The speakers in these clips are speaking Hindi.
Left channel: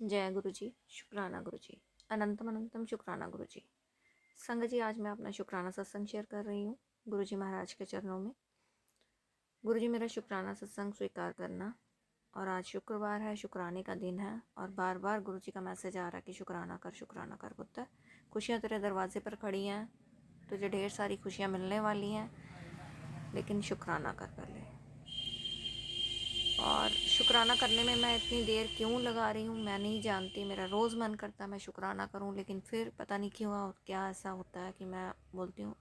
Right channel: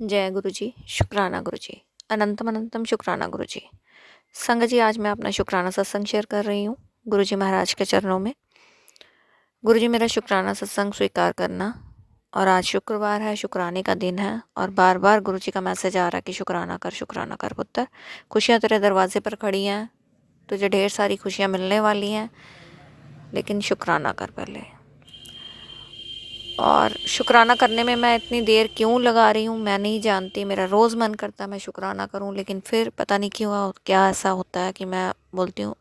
जय गुरु जी, शुक्राना गुरु जी, अनंतम अनंतम शुक्राना गुरु जी। संगत जी, आज मैं अपना शुक्राना सत्संग शेयर कर रही हूँ गुरु जी महाराज के चरणों में। गुरु जी, मेरा शुक्राना सत्संग स्वीकार करना। और आज शुक्रवार है, शुक्राने का दिन है और बार बार गुरु जी का मैसेज आ रहा है कि शुक्राना कर पुत्र। खुशियाँ तेरे दरवाजे पर खड़ी हैं, तुझे ढेर सारी खुशियाँ मिलने वाली हैं, लेकिन शुक्राना कर पहले। और शुक्राना करने में मैं इतनी देर क्यों लगा रही हूँ मैं नहीं जानती। मेरा रोज़ मन करता है मैं शुक्राना करूँ, लेकिन फिर पता नहीं क्यों क्या ऐसा होता है कि मैं बोलती हूँ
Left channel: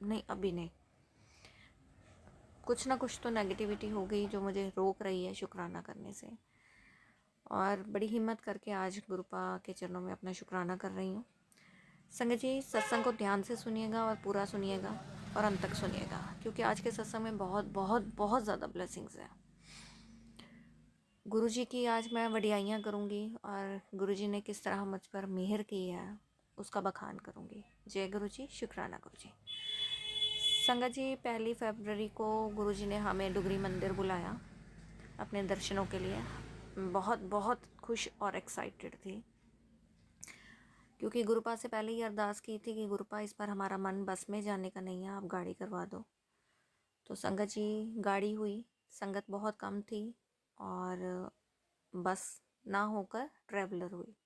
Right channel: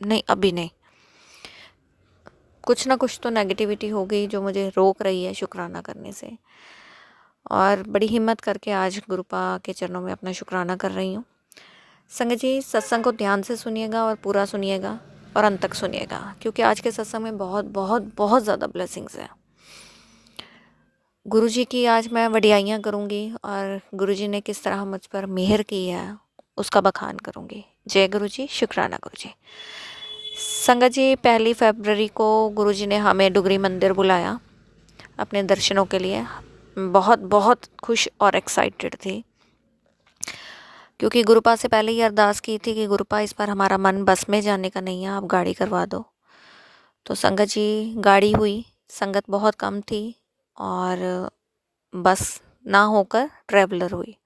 नहीं, अभी नहीं। कुछ ना कुछ तो नेगेटिविटी हो गई जो मुझे रोक रही है शुक्राना करने से। और बड़ी हिम्मत करके आज गुरुपा के चरणों में अपना शुक्राना कर रही हूँ। संगत जी, सत्संग को ध्यान से सुनिएगा और पूरा सुनिएगा और अंत तक सुनिएगा, क्योंकि आज के सत्संग में बहुत बहुत बहुत ज़्यादा ब्लेसिंग्स हैं। गुरुजी की आज मैं वडियाइयाँ करूँगी और गुरुजी ने किस तरह मुझ पर मेहर की है उसका बखान करूँगी। जय गुरुजी, शुक्राना गुरुजी। संगत जी, 1 फरवरी को गुरुजी ने हमें डुगरी मंदिर बुलाया अपने दर्शनों के लिए। बहुत बहुत खुश और एक्साइटेड थी, क्योंकि गुरुपा से पहले ही अरदास की थी कि गुरुपा, इस बार हमारा मन बस में जाने का नहीं है, आप गाड़ी करवा दो। तो संगत जी, गाड़ी हुई। संगत बहुत कम थी और बस ना होकर ट्रैवलर हुई,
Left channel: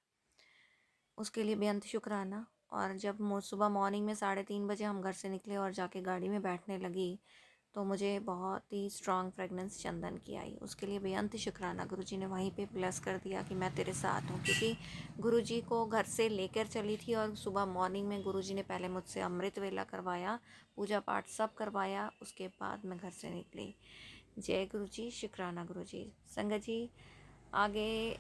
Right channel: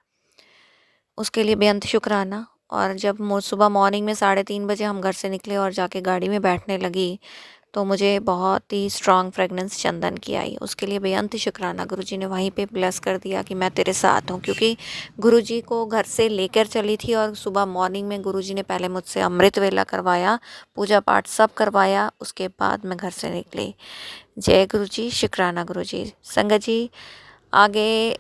उसके लिए बेअंत शुक्राना। और जब सुबह मॉर्निंग में 3:30 बजे हम घर से निकले और जाके गाड़ी में बैठने लगी, तो मुझे बहुत ही स्ट्रॉन्ग फ्रेगनेंस चंदन की आई, उसके लिए बेअंत शुक्राना। गुरुजी ने वहीं पे ब्लेस कर दिया कि मैं तेरे साथ हूँ, क्योंकि गुरुजी को घर से लेकर चली थी और सुबह मॉर्निंग में गुरुजी ने पहले मुझसे अमृत वेला करवाया, पूजा पाठ सब करवाया, उसके बाद मैं घर से निकली। जय गुरुजी, शुक्राना गुरुजी। संगत जी, आगे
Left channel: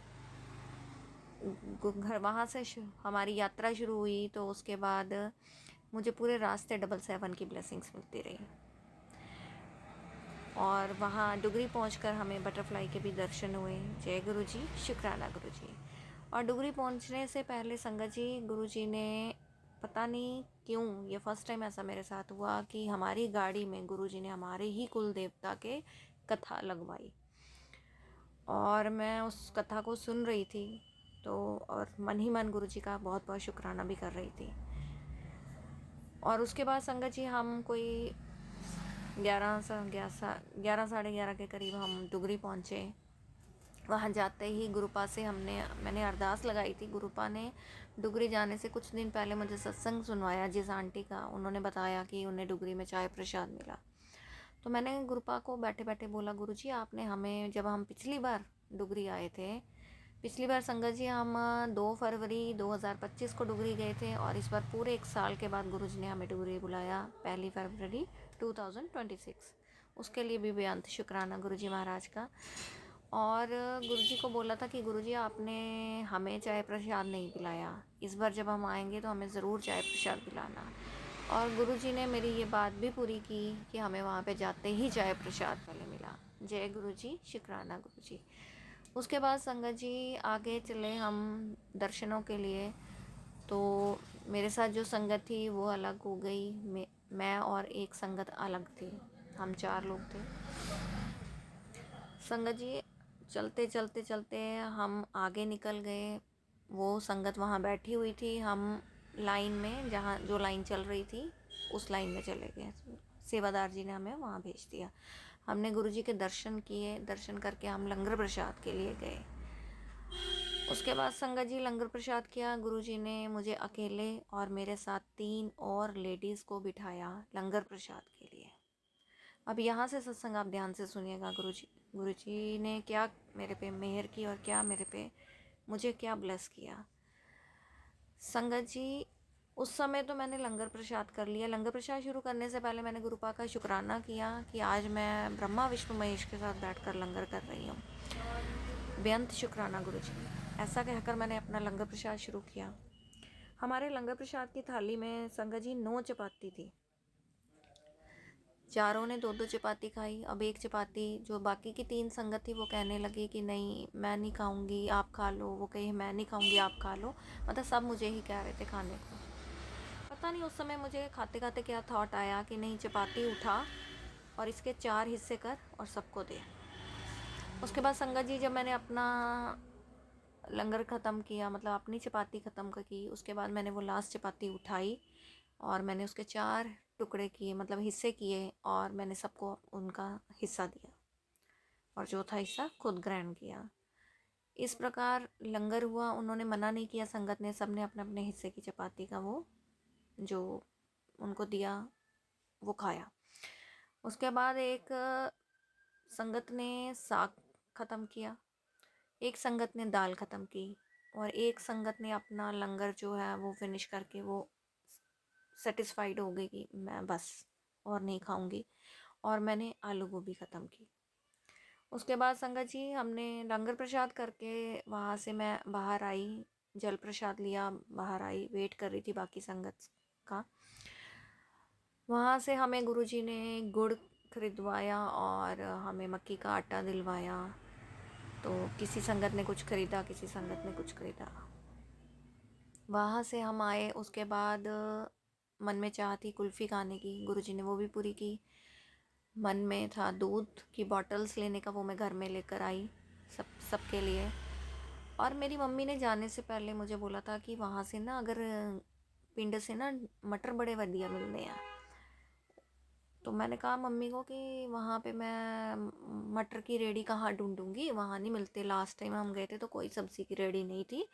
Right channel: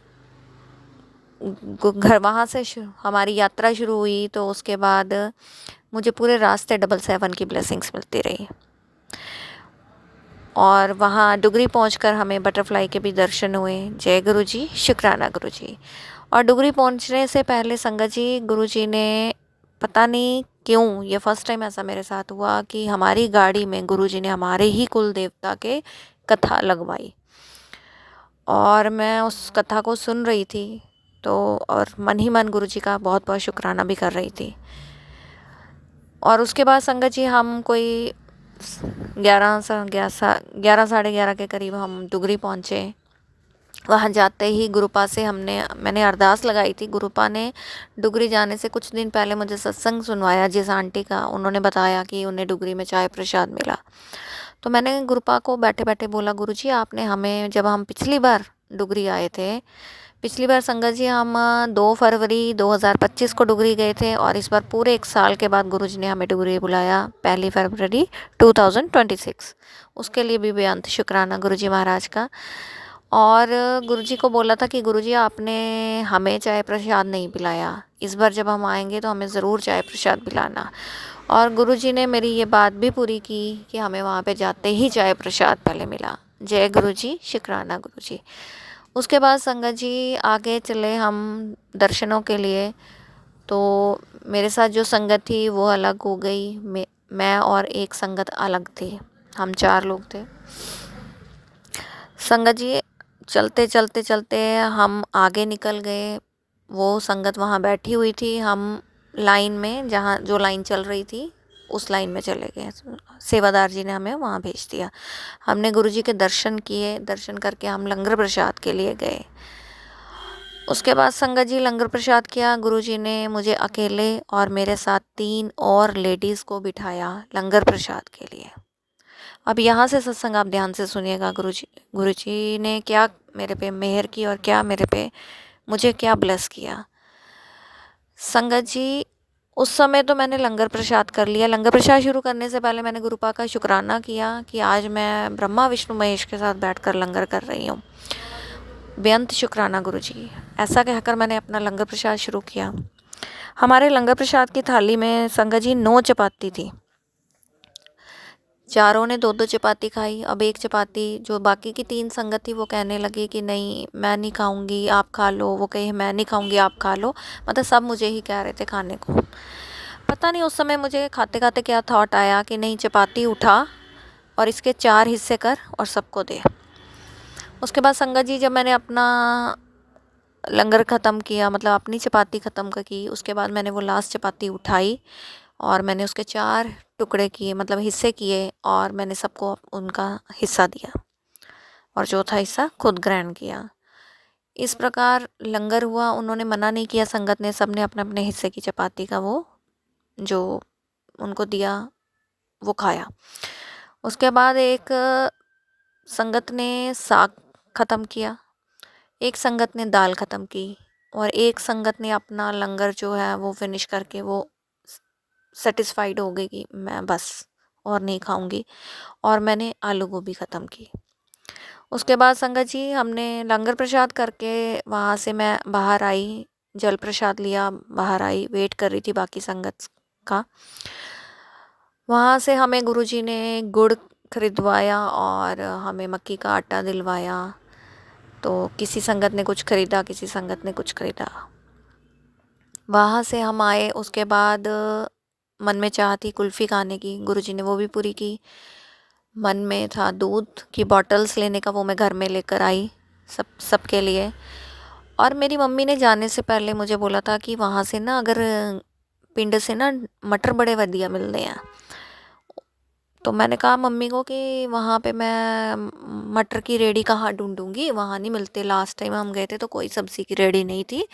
घर वहाँ से हमारी यात्रा शुरू हुई, तो उसके बाद मुझे पूरे रास्ते 777 की ब्लेसिंग्स मिलती रही। और वहाँ डुगरी पहुँचकर हमें बटरफ्लाई के भी दर्शन हुए। जय गुरुजी, शुक्राना गुरुजी। और डुगरी पहुँचने से पहले संगत जी, गुरुजी ने पता नहीं क्यों, ये फर्स्ट टाइम ऐसा मेरे साथ हुआ कि हमारी गाड़ी में गुरुजी ने हमारे ही कुल देवता के कथा लगवाई और मैं उस कथा को सुन रही थी, तो और मन ही मन गुरुजी का बहुत बहुत शुक्राना भी कर रही थी। और उसके बाद संगत जी, हम कोई 11 साढ़े 11 के करीब हम डुगरी पहुँचे। वहाँ जाते ही गुरुपा से मैंने अरदास लगाई थी। गुरुपा ने डुगरी जाने से कुछ दिन पहले मुझे सत्संग सुनवाया जिस आंटी का, उन्होंने बताया कि उन्हें डुगरी में चाय प्रसाद मिला। तो मैंने गुरुपा को बैठे बैठे बोला, गुरुजी, आपने हमें, जब हम पिछली बार डुगरी आए थे, पिछली बार संगत जी हम 2 फरवरी 2025 को डुगरी गए थे, और इस बार पूरे 1 साल के बाद गुरुजी ने हमें डुगरी बुलाया 1 फरवरी 2026। उसके लिए भी बेअंत शुक्राना गुरुजी महाराज का। और गुरुजी को बोला था कि गुरुजी, आपने हमें चाय प्रसाद नहीं पिलाया, इस बार जब हम आएंगे तो हमें ज़रूर चाय प्रसाद पिलाना। और गुरुजी ने मेरी ये बात भी पूरी की कि हमें वहाँ पे जाते ही चाय प्रसाद पहले मिला। जय गुरुजी, शुक्राना गुरुजी। उसके बाद संगत जी, आगे चले हम दर्शनों के लिए। तो मेरे साथ जो संगत थी वो अलग हो गई, मैं और एक संगत अलग थी, हम 4 लोग थे। संगत जी, चलते चलते चलते हम आगे निकल गए। वो संगत वहाँ बैठी हुई थी, हम लाइन में, जहाँ जो लाइन चल रही थी उस लाइन में चले गए। सेवादार जी ने हमें वहाँ भेज दिया। हमने गुरुजी के दर्शन किए, दर्शन करके हम लंगर प्रसाद के लिए गए। उसके बाद संगत जी, लंगर प्रसाद किया। गुरुजी ने मुझे अकेले और मेरे साथ 3 और लेडीज़ को बिठाया लंगर प्रसाद के लिए। अब यहाँ से सत्संग आप ध्यान से सुनिएगा। गुरुजी ने क्या मेरे पे मेहर की और क्या मुझे क्या ब्लेस किया। संगत जी, उस समय तो मैंने लंगर प्रसाद कर लिया। लंगर प्रसाद शुरू करने से पहले मैंने गुरुपा का शुक्राना किया कि आज मैं ब्रह्मा विष्णु महेश के साथ बैठकर लंगर कर रही हूँ। बेअंत शुक्राना गुरुजी। ऐसा कहकर मैंने अपना लंगर प्रसाद शुरू किया। हमारे लंगर प्रसाद की थाली में संगत जी 9 चपाती थी। चारों ने 2-2 चपाती खाई। अब एक चपाती, जो बाकी की 3 संगत थी, वो कहने लगी कि नहीं, मैं नहीं खाऊंगी, आप खा लो। वो कहे, मैं नहीं खाऊंगी, आप खा लो। मतलब सब मुझे ही कह रहे थे खाने को। पता नहीं उस समय मुझे खाते खाते क्या थॉट आया कि नहीं, चपाती उठा और इसके 4 हिस्से कर और सबको दे। उसके बाद संगत जी, जब मैंने अपना लंगर ख़त्म किया, मतलब अपनी चपाती ख़त्म की। उसके बाद मैंने वो लास्ट चपाती उठाई और मैंने उसके 4 टुकड़े किए, मतलब हिस्से किए, और मैंने सबको उनका हिस्सा दिया और चौथा हिस्सा खुद ग्रहण किया। इस प्रकार लंगर हुआ। उन्होंने मना नहीं किया, संगत ने, सबने अपने अपने हिस्से की चपाती का वो जो उनको दिया वो खाया। उसके बाद एक संगत ने साग ख़त्म किया, एक संगत ने दाल ख़त्म की, और एक संगत ने अपना लंगर जो है वो फिनिश करके वो सेटिस्फाइड हो गई कि मैं बस और नहीं खाऊंगी, और मैंने आलू गोभी ख़त्म की। उसके बाद संगत जी हमने लंगर प्रसाद करके वहाँ से मैं बाहर आई, जल प्रसाद लिया, बाहर आई, वेट कर रही थी बाकी संगत का। वहाँ से हमें गुरुजी ने गुड़ खरीदवाया और हमें मक्की का आटा दिलवाया। तो किसी संगत ने कुछ खरीदा, किसी संगत ने कुछ खरीदा। वहाँ से हम आए, उसके बाद मन में चाह थी कुल्फ़ी खाने की, गुरुजी ने वो भी पूरी की। मन में था दूध की बॉटल्स लेने का, वो मैं घर में लेकर आई सबके लिए। और मेरी मम्मी ने जाने से पहले मुझे बोला था कि वहाँ से ना, अगर पिंड से ना मटर बड़े वधिया मिलते हैं। तो मैंने कहा मम्मी को कि वहाँ पे मैं मटर की रेडी कहाँ ढूंढूंगी, वहाँ नहीं मिलते। लास्ट टाइम हम गए थे तो कोई सब्ज़ी की रेडी नहीं थी।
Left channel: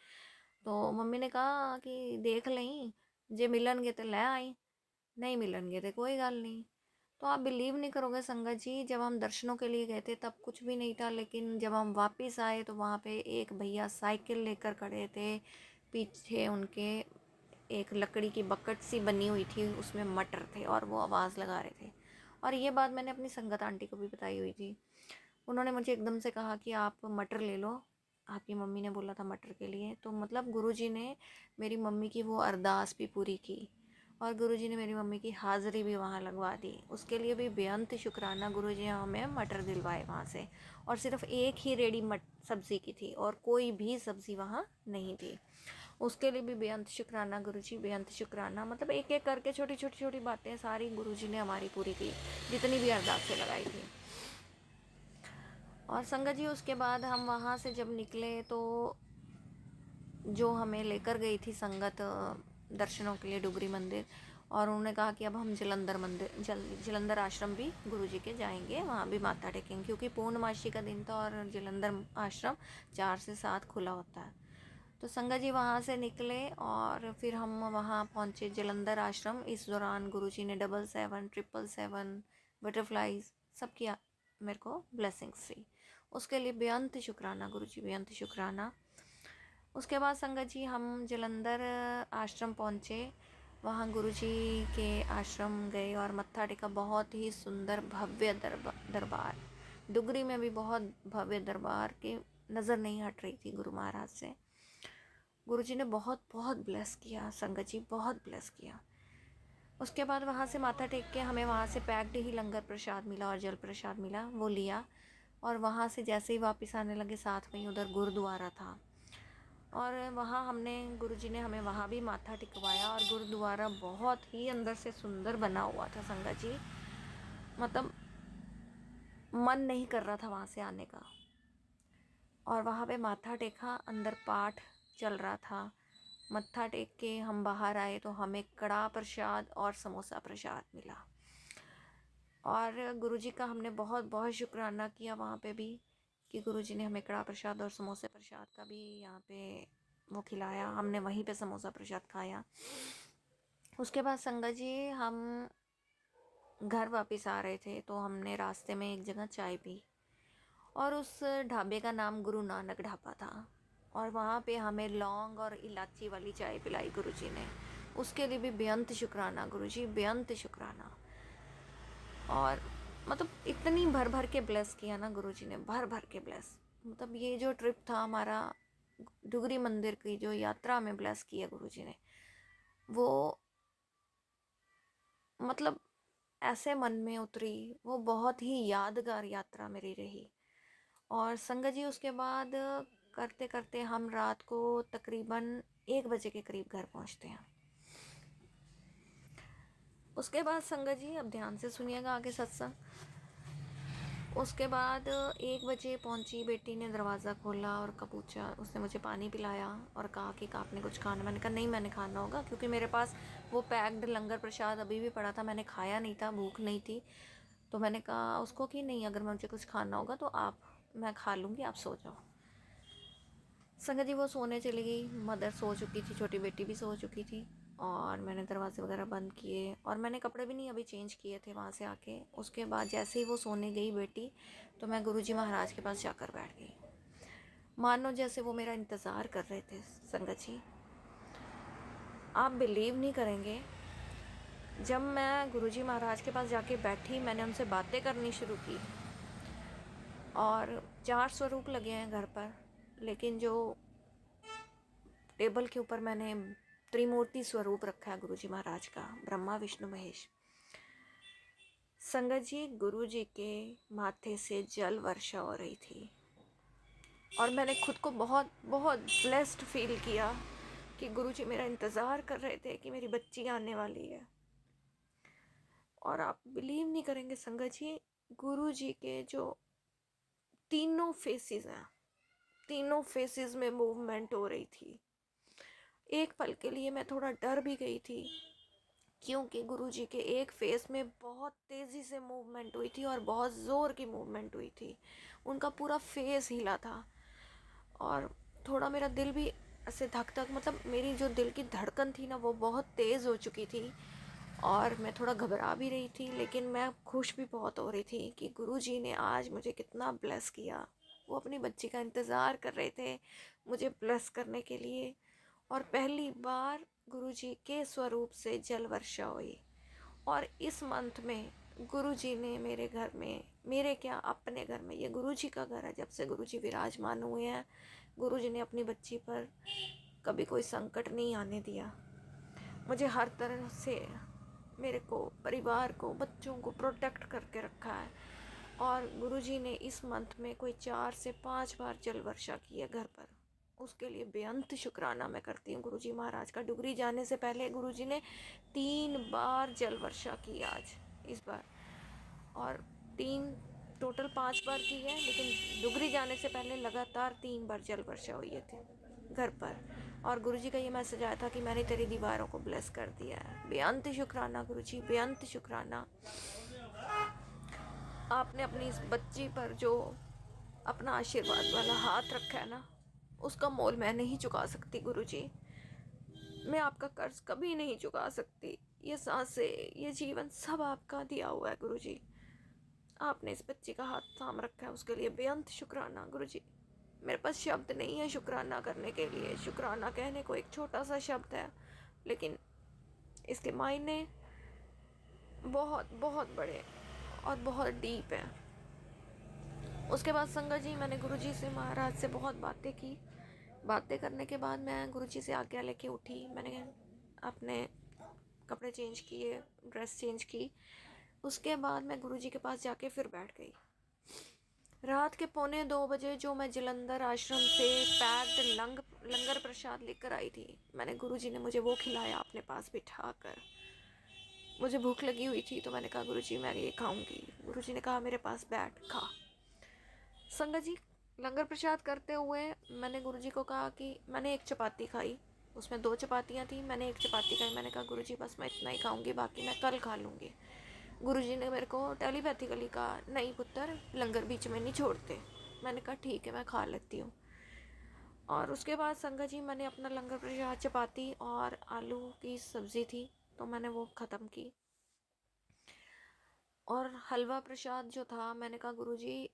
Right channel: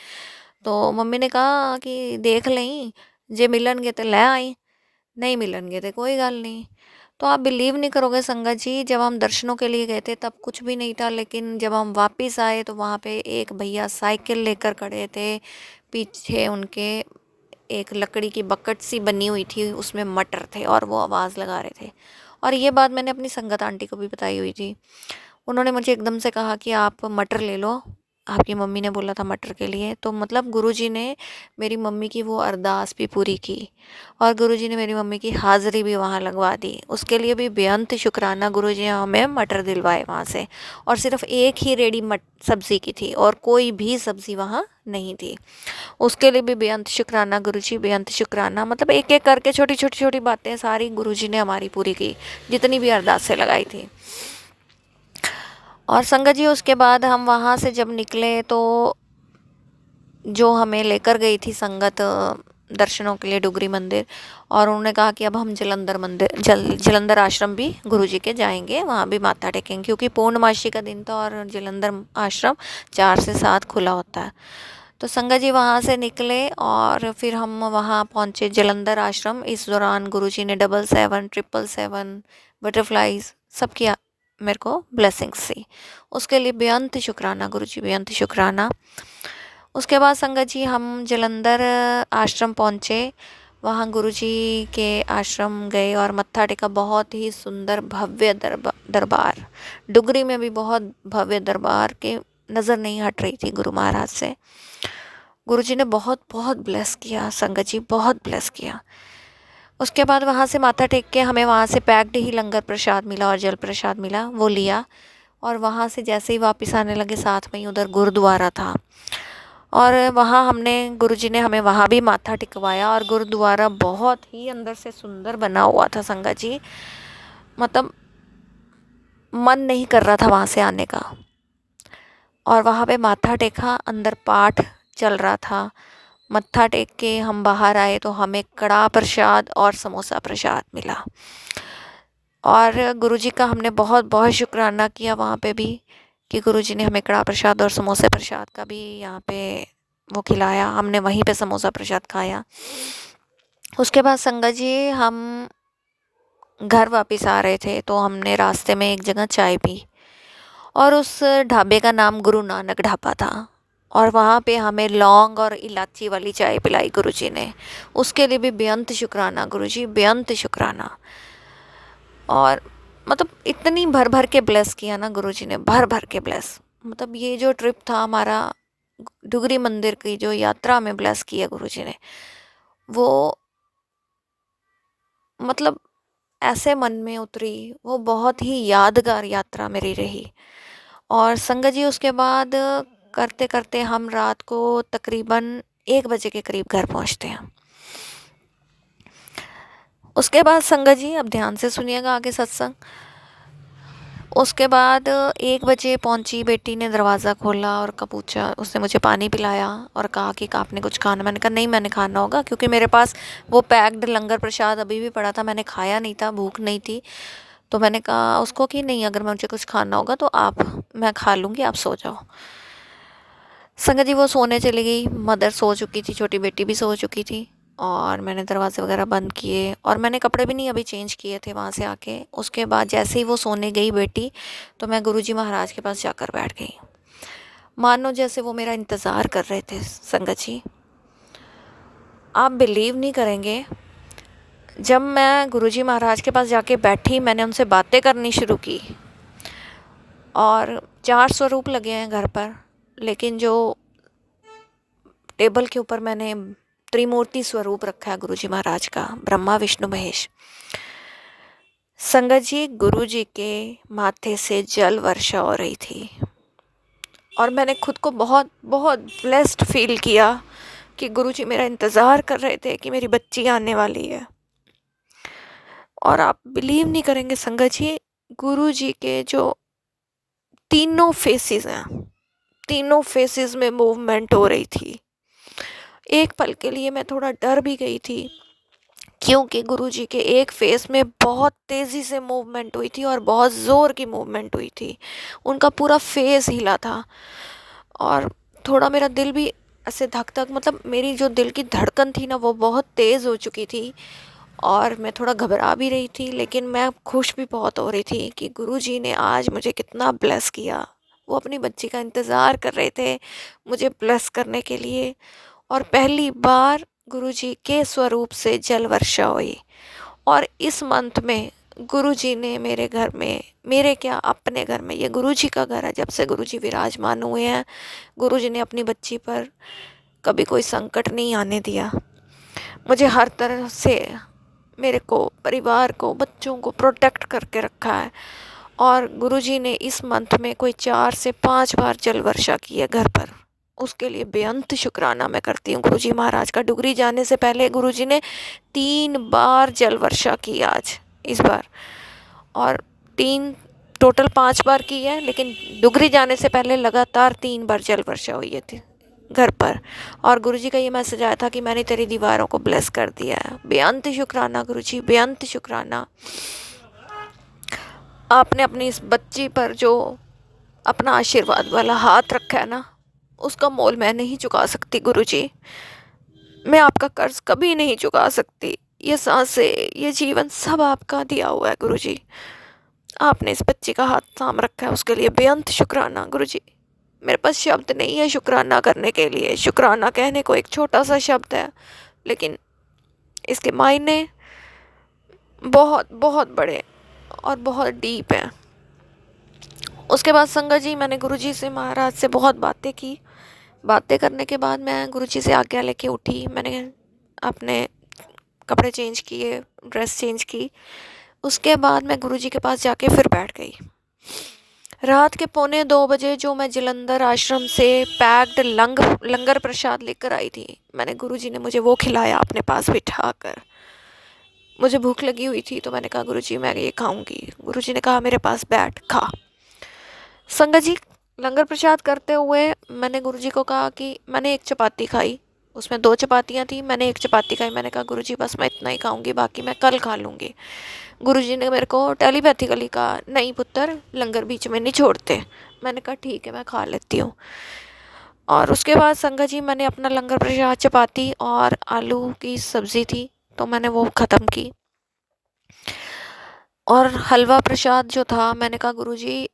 तो मम्मी ने कहा कि देख लें, जे मिलनगे तो ले आई, नहीं मिलनगे तो कोई गल नहीं। तो आप बिलीव नहीं करोगे संगत जी, जब हम दर्शनों के लिए गए थे तब कुछ भी नहीं था, लेकिन जब हम वापस आए तो वहाँ पे एक भैया साइकिल लेकर खड़े थे। पीछे उनके एक लकड़ी की बकेट सी बनी हुई थी, उसमें मटर थे और वो आवाज़ लगा रहे थे। और ये बात मैंने अपनी संगत आंटी को भी बताई हुई थी। उन्होंने मुझे एकदम से कहा कि आप मटर ले लो, आपकी मम्मी ने बोला था मटर के लिए। तो मतलब गुरुजी ने मेरी मम्मी की वो अरदास भी पूरी की, और गुरुजी ने मेरी मम्मी की हाज़िरी भी वहाँ लगवा दी। उसके लिए भी बेअंत शुक्राना, गुरुजी ने हमें मटर दिलवाए वहाँ से। और सिर्फ एक ही रेडी सब्ज़ी की थी और कोई भी सब्ज़ी वहाँ नहीं थी। उसके लिए भी बेअंत शुक्राना गुरुजी, बेअंत शुक्राना। मतलब एक एक करके छोटी छोटी छोटी बातें सारी गुरुजी ने हमारी पूरी की, जितनी भी अरदासें लगाई थी। और संगत जी उसके बाद हम वहाँ से जब निकले तो जो हमें लेकर गई थी संगत दर्शनों के लिए डुगरी मंदिर, और उन्होंने कहा कि अब हम जलंधर मंदिर जलंधर आश्रम भी गुरुजी के जाएंगे, वहाँ भी माथा टेकेंगे, क्योंकि पूर्णमासी का दिन था और जलंधर आश्रम 4 से 7 खुला होता है। तो संगत जी वहाँ से निकले और फिर हम वहाँ पहुँचे जलंधर आश्रम। इस दौरान गुरुजी ने 777 777 बटरफ्लाइज सब किया, मेरे को ब्लेसिंग्स सी। उसके लिए बेअंत शुक्राना गुरुजी, बेअंत शुक्राना। उसके बाद संगत जी हम जलंधर आश्रम पहुँचे। वहाँ गुरुजी के आश्रम गए और मत्था टेका। बहुत ही सुंदर भव्य दरबार, डुगरी में भी बहुत भव्य दरबार के नज़र नहीं हट रही थी गुरु महाराज से। गुरुजी ने बहुत बहुत ब्लेस किया संगत जी, बहुत ब्लेस किया। उसके बाद वहाँ से माथा टेक के हमें वहाँ से पैक्ड ही लंगर प्रसाद मिला और जल प्रसाद मिला, वो लिया। और वहाँ से जैसे ही वापस आने लगे, साथ में ही उधर गुरुद्वारा था, और वहाँ हमने गुरुजी ने हमें वहाँ भी माथा टिकवाया। और गुरुद्वारा बहुत ही अंदर से सुंदर बना हुआ था संगत जी, मतलब मन नहीं कर रहा था वहाँ से आने का। और वहाँ पे माथा टेका, अंदर पाठ चल रहा था। मत्था टेक के हम बाहर आए तो हमें कड़ा प्रसाद और समोसा प्रसाद मिला। और गुरुजी का हमने बहुत बहुत शुक्राना किया वहाँ पे भी, कि गुरुजी ने हमें कड़ा प्रसाद और समोसे प्रसाद का भी यहाँ पे वो खिलाया। हमने वहीं पे समोसा प्रसाद खाया। उसके बाद संगत जी हम घर वापस आ रहे थे तो हमने रास्ते में एक जगह चाय पी, और उस ढाबे का नाम गुरु नानक ढाबा था। और वहाँ पे हमें लौंग और इलायची वाली चाय पिलाई गुरुजी ने। उसके लिए भी बेअंत शुक्राना गुरुजी, बेअंत शुक्राना। और मतलब इतनी भर भर के ब्लेस किया ना गुरुजी ने, भर भर के ब्लेस। मतलब ये जो ट्रिप था हमारा डुगरी मंदिर की, जो यात्रा में ब्लेस किया गुरुजी ने, वो मतलब ऐसे मन में उतरी, वो बहुत ही यादगार यात्रा मेरी रही। और संगत जी उसके बाद करते करते हम रात को तकरीबन 1 बजे के करीब घर पहुंचते हैं। उसके बाद संगत जी अब ध्यान से सुनिएगा आगे सत्संग। उसके बाद 1 बजे पहुंची, बेटी ने दरवाज़ा खोला और पूछा, उसने मुझे पानी पिलाया और कहा कि आपने कुछ खाना? मैंने कहा नहीं, मैंने खाना होगा, क्योंकि मेरे पास वो पैक्ड लंगर प्रसाद अभी भी पड़ा था, मैंने खाया नहीं था, भूख नहीं थी। तो मैंने कहा उसको कि नहीं, अगर मुझे कुछ खाना होगा तो आप, मैं खा लूँगी, आप सो जाओ। संगत जी वो सोने चली गई, मदर सो चुकी थी, छोटी बेटी भी सो चुकी थी, और मैंने दरवाजे वगैरह बंद किए और मैंने कपड़े भी नहीं अभी चेंज किए थे वहाँ से आके। उसके बाद जैसे ही वो सोने गई बेटी, तो मैं गुरुजी महाराज के पास जाकर बैठ गई, मानो जैसे वो मेरा इंतज़ार कर रहे थे। संगत जी आप बिलीव नहीं करेंगे, जब मैं गुरुजी महाराज के पास जाके बैठी, मैंने उनसे बातें करनी शुरू की, और 4 स्वरूप लगे हैं घर पर, लेकिन जो टेबल के ऊपर मैंने त्रिमूर्ति स्वरूप रखा है गुरुजी महाराज का, ब्रह्मा विष्णु महेश। संगत जी गुरुजी के माथे से जल वर्षा हो रही थी, और मैंने खुद को बहुत बहुत ब्लेस्ड फील किया कि गुरुजी मेरा इंतज़ार कर रहे थे कि मेरी बच्ची आने वाली है। और आप बिलीव नहीं करेंगे संगत जी, गुरुजी के जो तीनों फेसेस हैं, तीनों फेसेस में मूवमेंट हो रही थी। एक पल के लिए मैं थोड़ा डर भी गई थी, क्योंकि गुरुजी के एक फेस में बहुत तेज़ी से मूवमेंट हुई थी और बहुत ज़ोर की मूवमेंट हुई थी, उनका पूरा फेस हिला था। और थोड़ा मेरा दिल भी ऐसे धक धक, मतलब मेरी जो दिल की धड़कन थी ना, वो बहुत तेज़ हो चुकी थी, और मैं थोड़ा घबरा भी रही थी, लेकिन मैं खुश भी बहुत हो रही थी कि गुरुजी ने आज मुझे कितना ब्लेस किया। वो अपनी बच्ची का इंतज़ार कर रहे थे मुझे ब्लेस करने के लिए, और पहली बार गुरुजी के स्वरूप से जल वर्षा हुई। और इस मंथ में गुरुजी ने मेरे घर में, मेरे क्या अपने घर में, ये गुरुजी का घर है, जब से गुरुजी विराजमान हुए हैं, गुरुजी ने अपनी बच्ची पर कभी कोई संकट नहीं आने दिया। मुझे हर तरह से, मेरे को, परिवार को, बच्चों को प्रोटेक्ट करके रखा है। और गुरुजी ने इस मंथ में कोई 4 से 5 बार जल वर्षा की है घर पर, उसके लिए बेअंत शुक्राना मैं करती हूँ गुरुजी महाराज का। डुगरी जाने से पहले गुरुजी ने 3 बार जल वर्षा की आज, इस बार, और 3 टोटल 5 बार की है, लेकिन डुगरी जाने से पहले लगातार 3 बार जल वर्षा हुई है घर पर। और गुरुजी का ये मैसेज आया था कि मैंने तेरी दीवारों को ब्लेस कर दिया है। बेअंत शुक्राना गुरुजी, बेअंत शुक्राना। आपने अपनी इस बच्ची पर जो अपना आशीर्वाद वाला हाथ रखा है ना, उसका मोल मैं नहीं चुका सकती गुरुजी, मैं आपका कर्ज कभी नहीं चुका सकती। ये सांसें, ये जीवन सब आपका दिया हुआ है गुरुजी, आपने इस बच्ची का हाथ थाम रखा है, उसके लिए बेअंत शुक्राना गुरुजी। मेरे पास शब्द नहीं है शुक्राना करने के लिए। शुक्राना कहने को एक छोटा सा शब्द है, लेकिन इसके मायने बहुत बहुत बड़े और बहुत डीप हैं। उसके बाद संगत जी मैंने गुरुजी से, महाराज से बहुत बातें की। बातें करने के बाद मैं गुरुजी से आज्ञा लेके उठी, मैंने अपने कपड़े चेंज किए, ड्रेस चेंज की। उसके बाद मैं गुरुजी के पास जाके फिर बैठ गई। रात के 1:45 जो मैं जलंधर आश्रम से पैक्ड लंगर प्रसाद लेकर आई थी, मैंने, गुरुजी ने मुझे वो खिलाया अपने पास बिठा कर। मुझे भूख लगी हुई थी, तो मैंने कहा गुरुजी मैं ये खाऊंगी। गुरुजी ने कहा मेरे पास बैठ खा। संगत जी लंगर प्रसाद करते हुए मैंने गुरुजी को कहा कि मैंने एक चपाती खाई, उसमें 2 चपातियाँ थी, मैंने एक चपाती खाई। मैंने कहा गुरुजी बस मैं इतना ही खाऊंगी, बाकी मैं कल खा लूँगी। गुरुजी ने मेरे को टेलीपैथिकली कहा नहीं पुत्र, लंगर बीच में नहीं छोड़ते। मैंने कहा ठीक है, मैं खा लेती हूँ। और उसके बाद संगत जी मैंने अपना लंगर प्रसाद, चपाती और आलू की सब्ज़ी थी, तो मैंने वो ख़त्म की। और हलवा प्रसाद जो था, मैंने कहा गुरुजी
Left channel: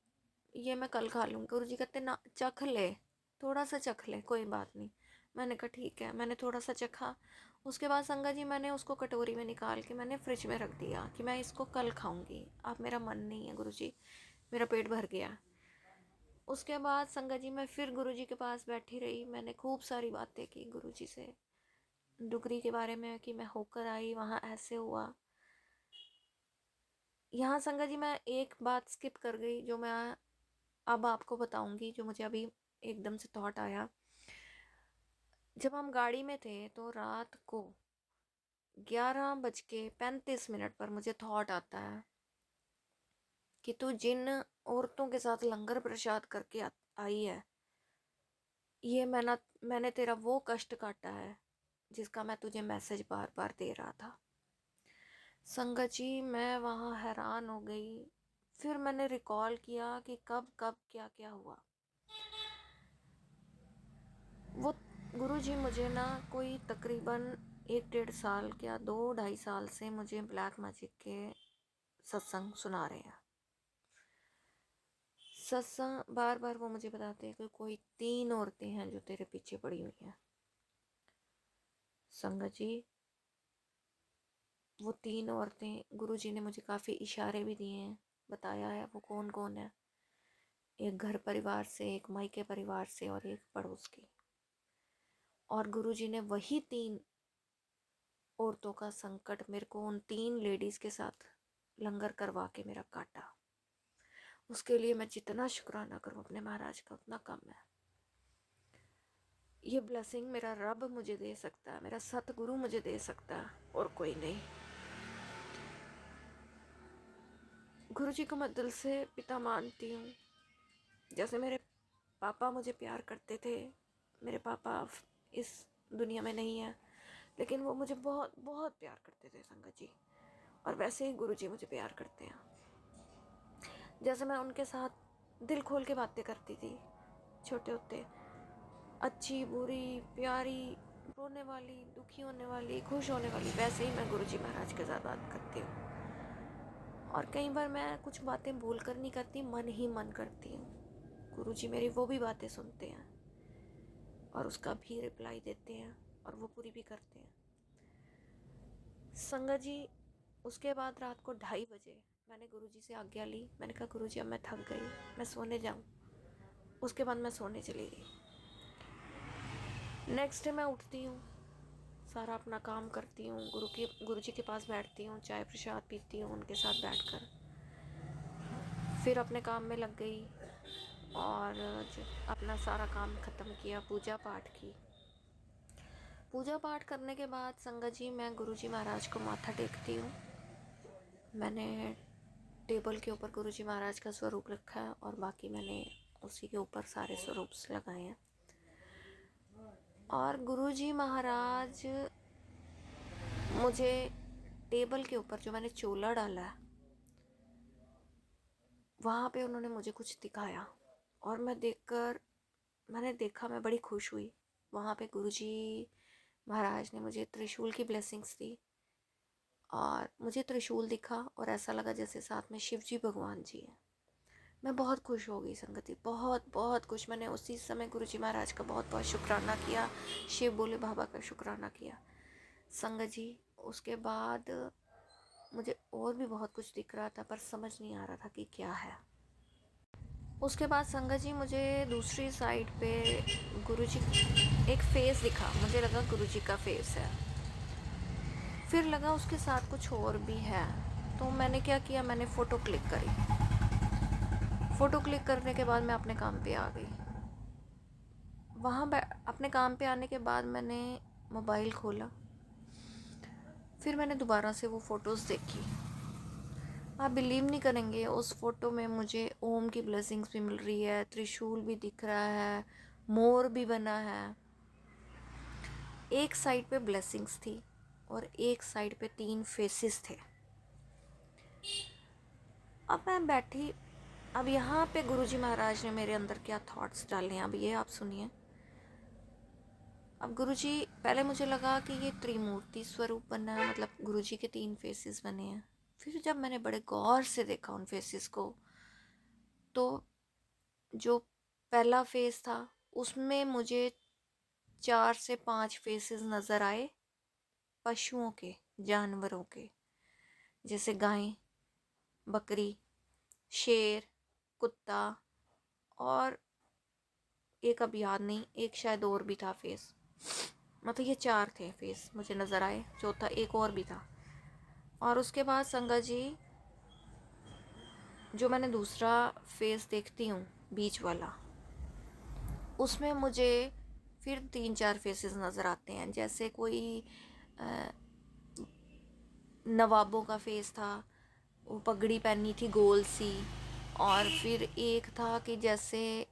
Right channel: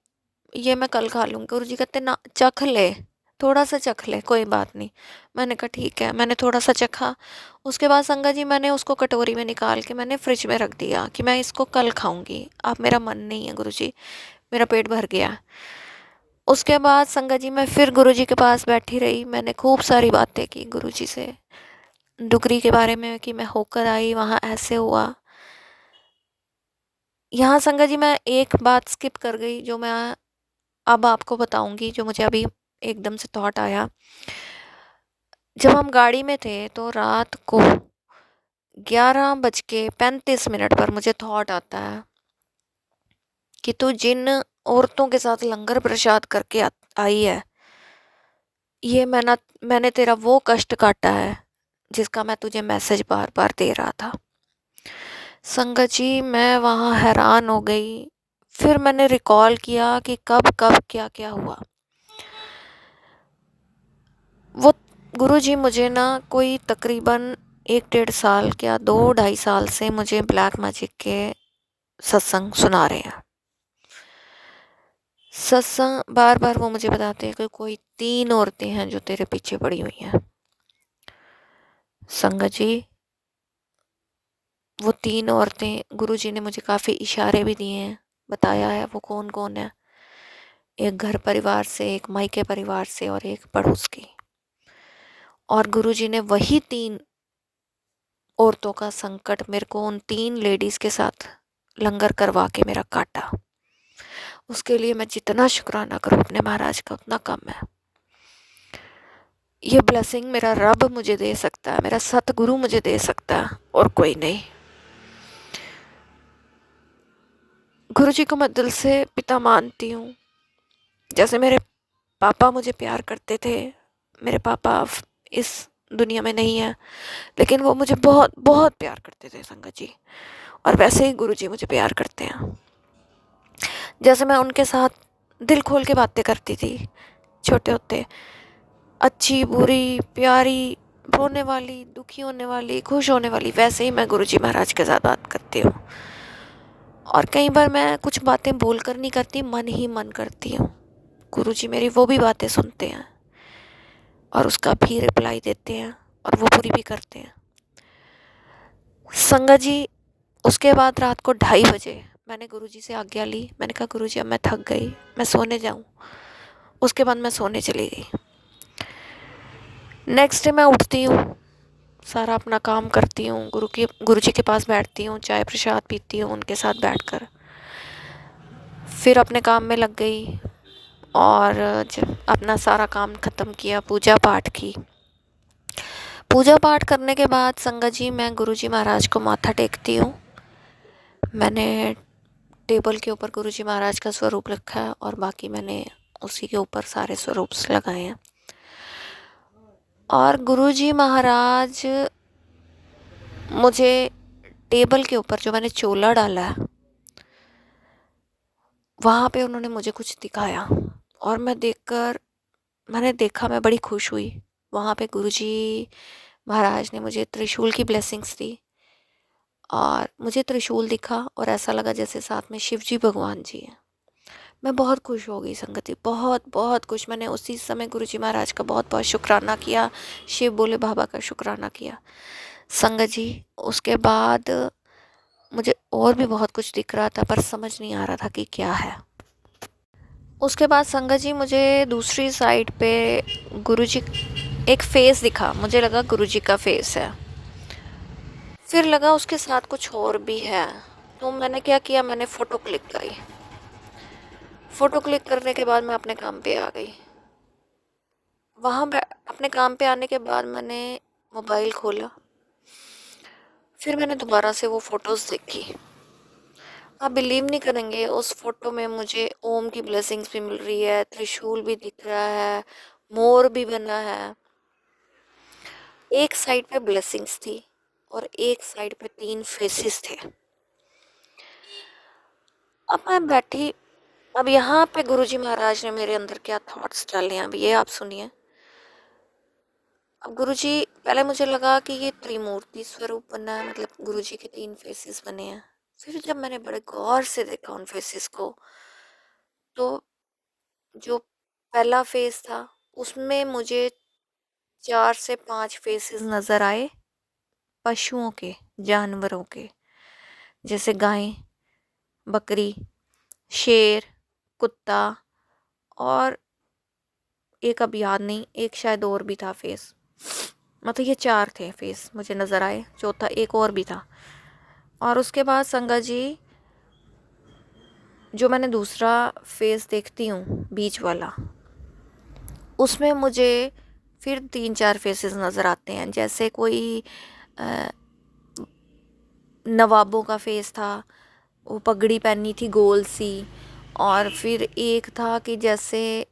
ये मैं कल खा लूँगी। गुरुजी कहते ना, चख ले, थोड़ा सा चख ले, कोई बात नहीं। मैंने कहा ठीक है, मैंने थोड़ा सा चखा। उसके बाद संगत जी मैंने उसको कटोरी में निकाल के मैंने फ्रिज में रख दिया कि मैं इसको कल खाऊंगी। अब मेरा मन नहीं है गुरुजी, मेरा पेट भर गया। उसके बाद संगत जी मैं फिर गुरुजी के पास बैठी रही, मैंने खूब सारी बातें की गुरुजी से, डुगरी के बारे में, कि मैं होकर आई वहाँ ऐसे हुआ। यहाँ संगत जी मैं एक बात स्किप कर गई, जो मैं अब आपको बताऊंगी, जो मुझे अभी एकदम से थॉट आया। जब हम गाड़ी में थे तो रात को 11:35 पर मुझे थॉट आता है कि तू जिन औरतों के साथ लंगर प्रसाद करके आई है। ये मैंने तेरा वो कष्ट काटा है जिसका मैं तुझे मैसेज बार बार दे रहा था। संगत जी, मैं वहाँ हैरान हो गई। फिर मैंने रिकॉल किया कि कब कब क्या क्या हुआ। वो गुरुजी मुझे ना कोई तकरीबन 1-1.5 साल, क्या 2-2.5 साल से मुझे ब्लैक मैजिक के सत्संग सुना रहे हैं। सत्संग बार बार वो मुझे बताते हैं कि कोई 3 औरतें हैं जो तेरे पीछे पड़ी हुई हैं। संगत जी, वो 3 औरतें गुरुजी ने मुझे काफ़ी इशारे भी दिए हैं, बताया है वो कौन कौन है। एक घर परिवार से, एक मायके परिवार से और एक पड़ोस की। और गुरुजी ने वही 3 औरतों का संकट मेरे को उन 3 लेडीज़ के साथ लंगर करवा के मेरा काटा। उसके लिए मैं जितना शुक्राना करूँ अपने महाराज का उतना कम है। ये ब्लेसिंग मेरा रब मुझे दे सकता है, मेरा सतगुरु मुझे दे सकता है, और कोई नहीं। गुरुजी को मैं दिल से पिता मानती हूँ। जैसे मेरे पापा मुझे प्यार करते थे, मेरे पापा अब इस दुनिया में नहीं है, लेकिन वो मुझे बहुत बहुत प्यार करते थे संगत जी। और वैसे ही गुरुजी मुझे प्यार करते हैं। जैसे मैं उनके साथ दिल खोल के बातें करती थी छोटे होते, अच्छी बुरी प्यारी, रोने वाली, दुखी होने वाली, खुश होने वाली, वैसे ही मैं गुरुजी महाराज के साथ बात करती हूँ। और कई बार मैं कुछ बातें बोलकर नहीं करती, मन ही मन करती हूँ। गुरुजी मेरी वो भी बातें सुनते हैं और उसका भी रिप्लाई देते हैं और वो पूरी भी करते हैं। संगत जी, उसके बाद रात को 2:30 बजे मैंने गुरुजी से आज्ञा ली। मैंने कहा गुरुजी अब मैं थक गई, मैं सोने जाऊँ। उसके बाद मैं सोने चली गई। नेक्स्ट डे मैं उठती हूँ, सारा अपना काम करती हूँ, गुरुजी के पास बैठती हूँ, चाय प्रसाद पीती हूँ उनके साथ बैठकर। फिर अपने काम में लग गई और जब अपना सारा काम ख़त्म किया, पूजा पाठ की। पूजा पाठ करने के बाद संगत जी मैं गुरुजी महाराज को माथा टेकती हूँ। मैंने टेबल के ऊपर गुरुजी महाराज का स्वरूप रखा है और बाकी मैंने उसी के ऊपर सारे स्वरूप लगाए हैं। और गुरुजी महाराज मुझे टेबल के ऊपर जो मैंने चोला डाला है वहाँ पे उन्होंने मुझे कुछ दिखाया और मैंने देखा, मैं बड़ी खुश हुई। वहाँ पे गुरुजी महाराज ने मुझे त्रिशूल की ब्लेसिंग्स दी और मुझे त्रिशूल दिखा और ऐसा लगा जैसे साथ में शिव जी भगवान जी हैं। मैं बहुत खुश हो गई संगति, बहुत बहुत खुश। मैंने उसी समय गुरुजी महाराज का बहुत बहुत शुक्राना किया, शिव बोले बाबा का शुक्राना किया। संगत जी, उसके बाद मुझे और भी बहुत कुछ दिख रहा था पर समझ नहीं आ रहा था कि क्या है। उसके बाद संगत जी मुझे दूसरी साइड पे गुरुजी एक फेस दिखा, मुझे लगा गुरुजी का फेस है। फिर लगा उसके साथ कुछ और भी है, तो मैंने क्या किया, मैंने फ़ोटो क्लिक करी। फ़ोटो क्लिक करने के बाद मैं अपने काम पे आ गई। वहाँ अपने काम पे आने के बाद मैंने मोबाइल खोला, फिर मैंने दोबारा से वो फ़ोटोज़ देखी। आप बिलीव नहीं करेंगे, उस फ़ोटो में मुझे ओम की ब्लेसिंग्स भी मिल रही है, त्रिशूल भी दिख रहा है, मोर भी बना है। एक साइड पे ब्लेसिंग्स थी और एक साइड पे 3 फेसेस थे। अब मैं बैठी, अब यहाँ पे गुरुजी महाराज ने मेरे अंदर क्या थॉट्स डाले हैं, अब ये आप सुनिए। अब गुरुजी, पहले मुझे लगा कि ये त्रिमूर्ति स्वरूप बना है, मतलब गुरुजी के 3 फेसेस बने हैं। फिर जब मैंने बड़े गौर से देखा उन फेसेस को, तो जो पहला फेस था उसमें मुझे 4 से 5 फेसेस नज़र आए पशुओं के, जानवरों के, जैसे गाय, बकरी, शेर, कुत्ता, और एक अब याद नहीं, एक शायद और भी था फेस। मतलब ये 4 थे फेस मुझे नज़र आए, चौथा एक और भी था। और उसके बाद संगत जी, जो मैंने दूसरा फेस देखती हूँ बीच वाला, उसमें मुझे फिर 3-4 फेसेस नज़र आते हैं। जैसे कोई अ, नवाबों का फेस था, वो पगड़ी पहनी थी गोल सी, और फिर एक था कि जैसे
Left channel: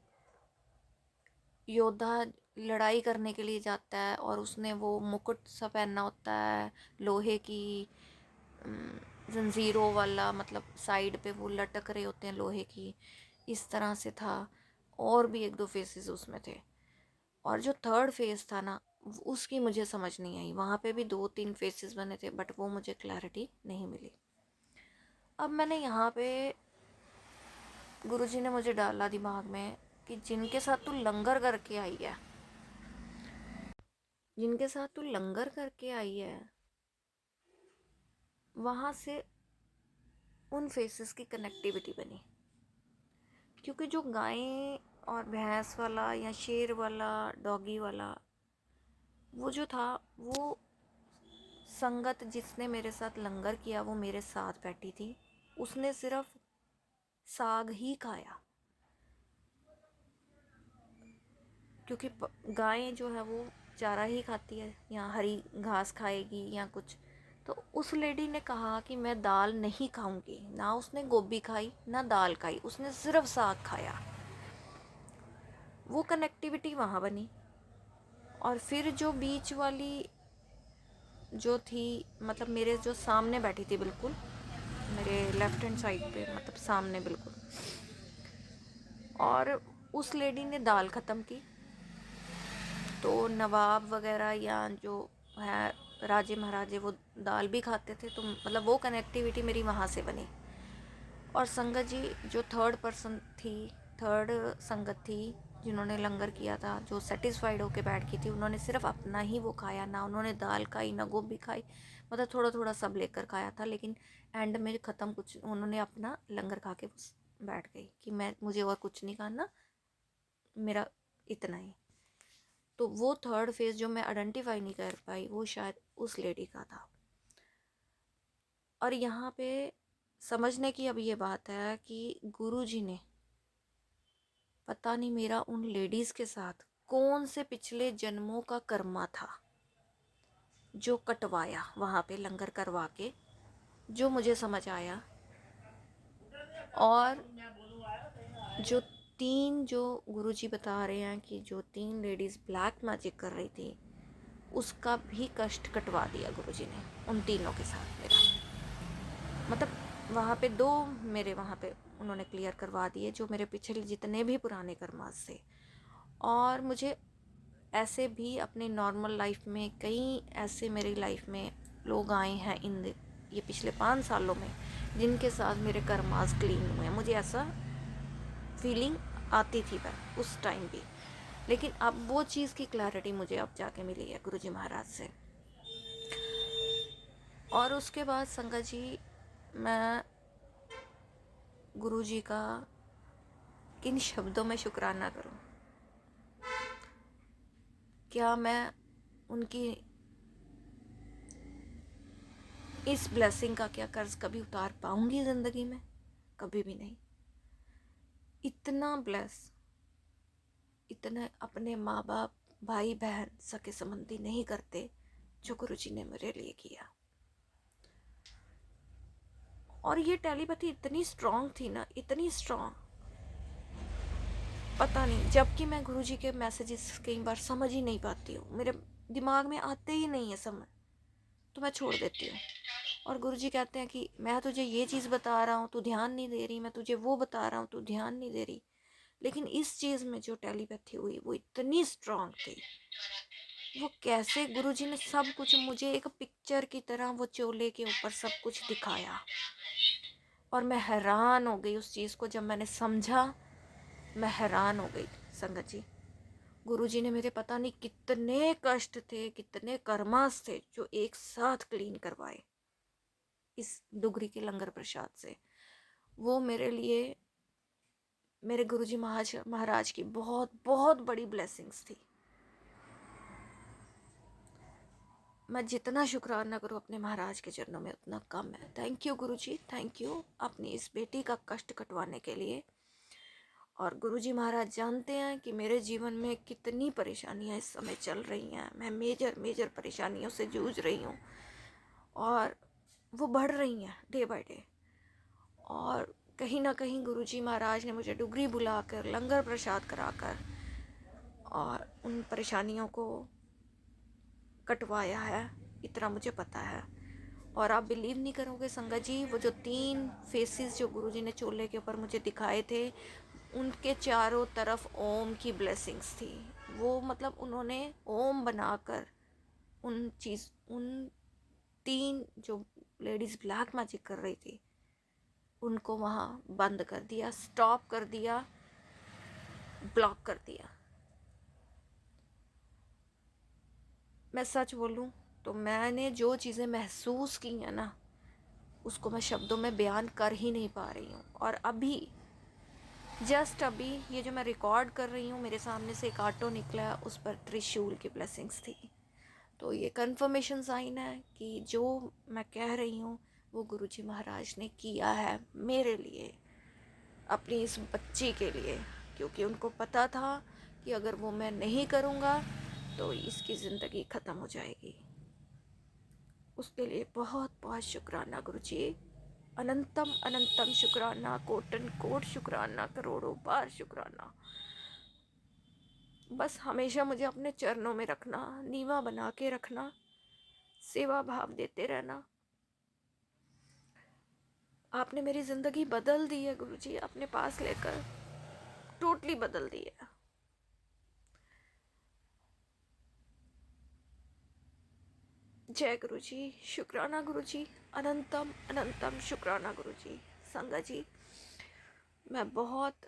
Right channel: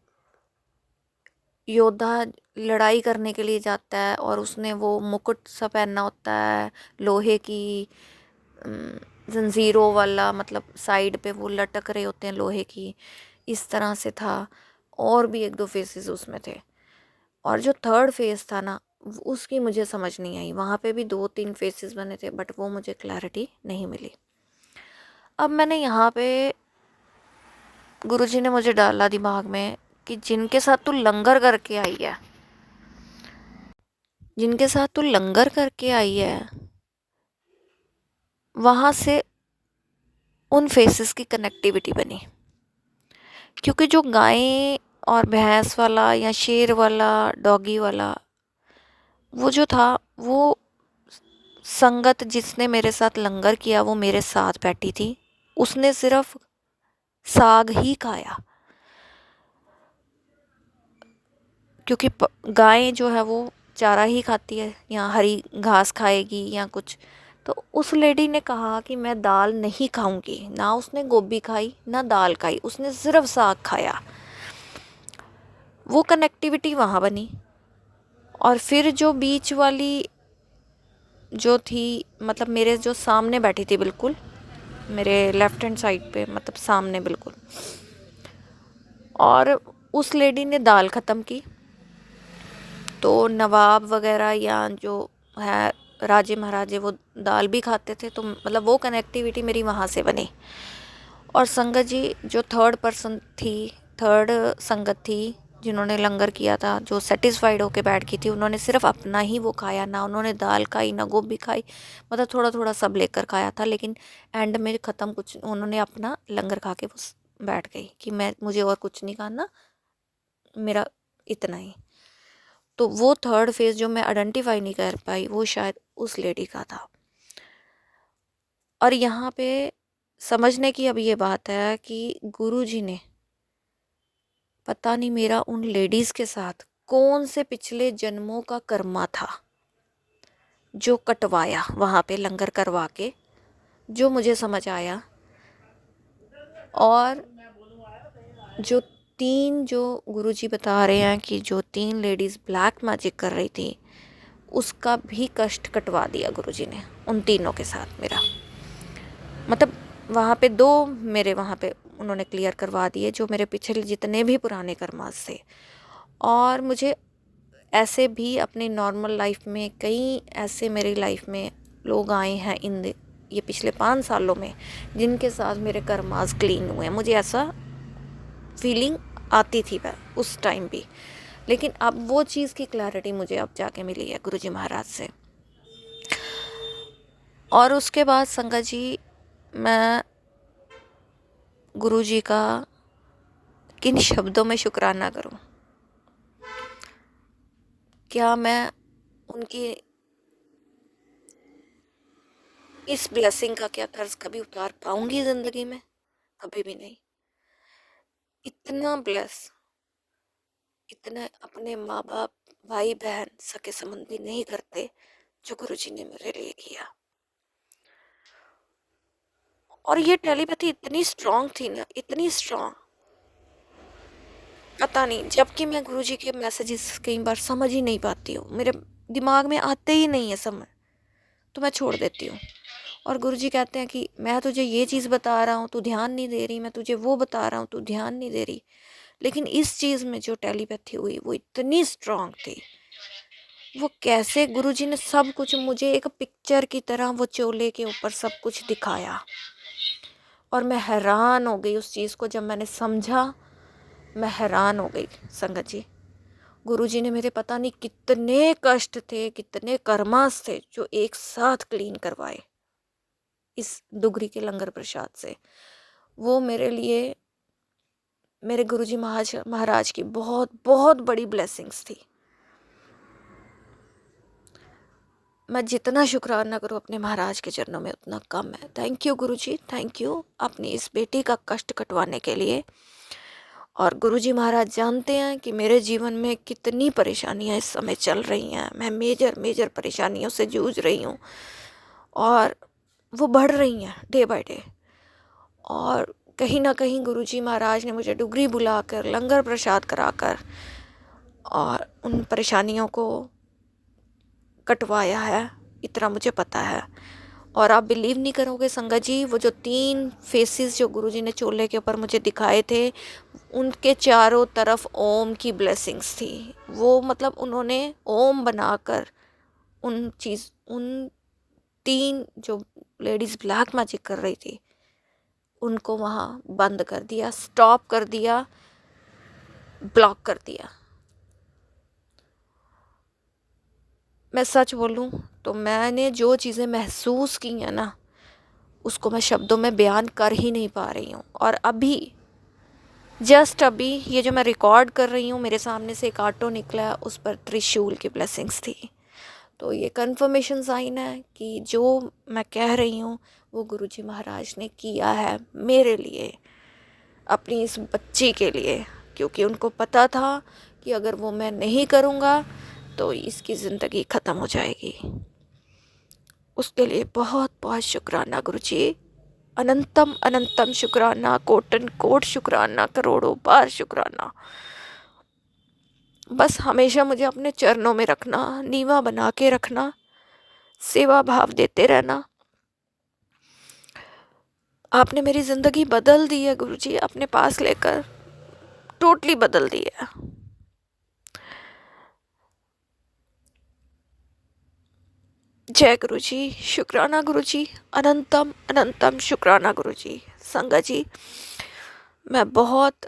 योद्धा लड़ाई करने के लिए जाता है और उसने वो मुकुट सा पहनना होता है लोहे की, जंजीरों वाला, मतलब साइड पे वो लटक रहे होते हैं लोहे की, इस तरह से था। और भी एक दो फेसेस उसमें थे। और जो थर्ड फेस था ना, उसकी मुझे समझ नहीं आई। वहाँ पे भी दो तीन फेसेस बने थे बट वो मुझे क्लैरिटी नहीं मिली। अब मैंने यहाँ पे, गुरुजी ने मुझे डाला दिमाग में कि जिनके साथ तू लंगर करके आई है, जिनके साथ तू लंगर करके आई है, वहाँ से उन फेसेस की कनेक्टिविटी बनी। क्योंकि जो गाय और भैंस वाला या शेर वाला, डॉगी वाला, वो जो था, वो संगत जिसने मेरे साथ लंगर किया वो मेरे साथ बैठी थी। उसने सिर्फ साग ही खाया, क्योंकि गाय जो है वो चारा ही खाती है या हरी घास खाएगी या कुछ। तो उस लेडी ने कहा कि मैं दाल नहीं खाऊंगी। ना उसने गोभी खाई ना दाल खाई, उसने सिर्फ साग खाया। वो कनेक्टिविटी वहाँ बनी। और फिर जो बीच वाली जो थी, मतलब मेरे जो सामने बैठी थी बिल्कुल, मेरे लेफ्ट हैंड साइड पे, मतलब सामने बिल्कुल, और उस लेडी ने दाल ख़त्म की। तो नवाब वगैरह या जो है राजे महाराजे, वो दाल भी खाते थे। तो मतलब वो कनेक्टिविटी मेरी वहाँ से बनी। और संगत जी जो थर्ड पर्सन थी, थर्ड संगत थी जिन्होंने लंगर किया था, जो सेटिस्फाइड होके बैठ गई थी, उन्होंने सिर्फ अपना ही वो खाया। ना उन्होंने दाल खाई ना गोभी खाई, मतलब थोड़ा थोड़ा सब लेकर खाया था। लेकिन एंड में ख़त्म कुछ, उन्होंने अपना लंगर खा के वो बैठ गई कि मैं, मुझे और कुछ नहीं खाना, मेरा इतना ही। तो वो थर्ड फेज जो मैं आइडेंटिफाई नहीं कर पाई, वो शायद उस लेडी का था। और यहाँ पे समझने की अब ये बात है कि गुरुजी ने पता नहीं मेरा उन लेडीज़ के साथ कौन से पिछले जन्मों का कर्मा था जो कटवाया वहाँ पे लंगर करवा के, जो मुझे समझ आया। और जो तीन, जो गुरुजी बता रहे हैं कि जो तीन लेडीज़ ब्लैक मैजिक कर रही थी, उसका भी कष्ट कटवा दिया गुरुजी ने उन तीनों के साथ मेरा। मतलब वहाँ पे दो मेरे वहाँ पे उन्होंने क्लियर करवा दिए, जो मेरे पिछले जितने भी पुराने कर्मास थे। और मुझे ऐसे भी अपनी नॉर्मल लाइफ में कई ऐसे मेरी लाइफ में लोग आए हैं ये पिछले 5 सालों में, जिनके साथ मेरे कर्मास क्लीन हुए। मुझे ऐसा फीलिंग आती थी उस टाइम भी। लेकिन अब वो चीज़ की क्लैरिटी मुझे अब जाके मिली है गुरुजी महाराज से। और उसके बाद संगत जी, मैं गुरुजी का किन शब्दों में शुक्राना करूं? क्या मैं उनकी इस ब्लेसिंग का क्या कर्ज कभी उतार पाऊंगी ज़िंदगी में? कभी भी नहीं। इतना ब्लेस, इतना अपने माँ बाप, भाई बहन, सके संबंधी नहीं करते जो गुरुजी ने मेरे लिए किया। और ये टेलीपैथी इतनी स्ट्रांग थी ना, इतनी स्ट्रांग, पता नहीं। जबकि मैं गुरुजी के मैसेजेस कई बार समझ ही नहीं पाती हूँ, मेरे दिमाग में आते ही नहीं है समझ, तो मैं छोड़ देती हूँ। और गुरुजी कहते हैं कि मैं तुझे ये चीज़ बता रहा हूँ, तू ध्यान नहीं दे रही, मैं तुझे वो बता रहा हूँ, तू ध्यान नहीं दे रही। लेकिन इस चीज़ में जो टेलीपैथी हुई वो इतनी स्ट्रांग थी। वो कैसे गुरुजी ने सब कुछ मुझे एक पिक्चर की तरह वो चोले के ऊपर सब कुछ दिखाया। और मैं हैरान हो गई उस चीज़ को जब मैंने समझा। मैं हैरान हो गई संगत जी। गुरुजी ने मेरे पता नहीं कितने कष्ट थे, कितने कर्मास थे, जो एक साथ क्लीन करवाए इस डुगरी के लंगर प्रसाद से। वो मेरे लिए, मेरे गुरुजी महाराज की बहुत बहुत बड़ी ब्लेसिंग्स थी। मैं जितना शुक्राना करूँ अपने महाराज के चरणों में उतना कम है। Thank you Guruji, thank you अपनी इस बेटी का कष्ट कटवाने के लिए। और गुरुजी महाराज जानते हैं कि मेरे जीवन में कितनी परेशानियां इस समय चल रही हैं। मैं मेजर मेजर परेशानियों से जूझ रही हूँ और वो बढ़ रही हैं डे बाय डे। और कहीं ना कहीं गुरुजी महाराज ने मुझे डुगरी बुलाकर लंगर प्रसाद कराकर और उन परेशानियों को कटवाया है, इतना मुझे पता है। और आप बिलीव नहीं करोगे संगत जी, वो जो 3 फेसेस जो गुरुजी ने चोले के ऊपर मुझे दिखाए थे, उनके चारों तरफ ओम की ब्लेसिंग्स थी। वो मतलब उन्होंने ओम बनाकर उन 3 जो लेडीज़ ब्लैक मैजिक कर रही थी उनको वहाँ बंद कर दिया, स्टॉप कर दिया, ब्लॉक कर दिया। मैं सच बोलूँ तो मैंने जो चीज़ें महसूस की हैं ना, उसको मैं शब्दों में बयान कर ही नहीं पा रही हूँ। और अभी जस्ट अभी ये जो मैं रिकॉर्ड कर रही हूँ, मेरे सामने से एक ऑटो निकला, उस पर त्रिशूल की ब्लेसिंग्स थी। तो ये कंफर्मेशन साइन है कि जो मैं कह रही हूँ वो गुरुजी महाराज ने किया है मेरे लिए, अपनी इस बच्ची के लिए, क्योंकि उनको पता था कि अगर वो मैं नहीं करूँगा तो इसकी ज़िंदगी ख़त्म हो जाएगी। उसके लिए बहुत बहुत शुक्राना गुरुजी, अनंतम अनंतम शुक्राना, कोटन कोट शुक्राना, करोड़ों बार शुक्राना। बस हमेशा मुझे अपने चरणों में रखना, नीवा बना के रखना, सेवा भाव देते रहना। आपने मेरी ज़िंदगी बदल दी है गुरुजी, अपने पास लेकर टोटली बदल दी है। जय गुरुजी, शुक्राना गुरुजी, अनंतम अनंतम शुक्राना गुरुजी। संगत जी, मैं बहुत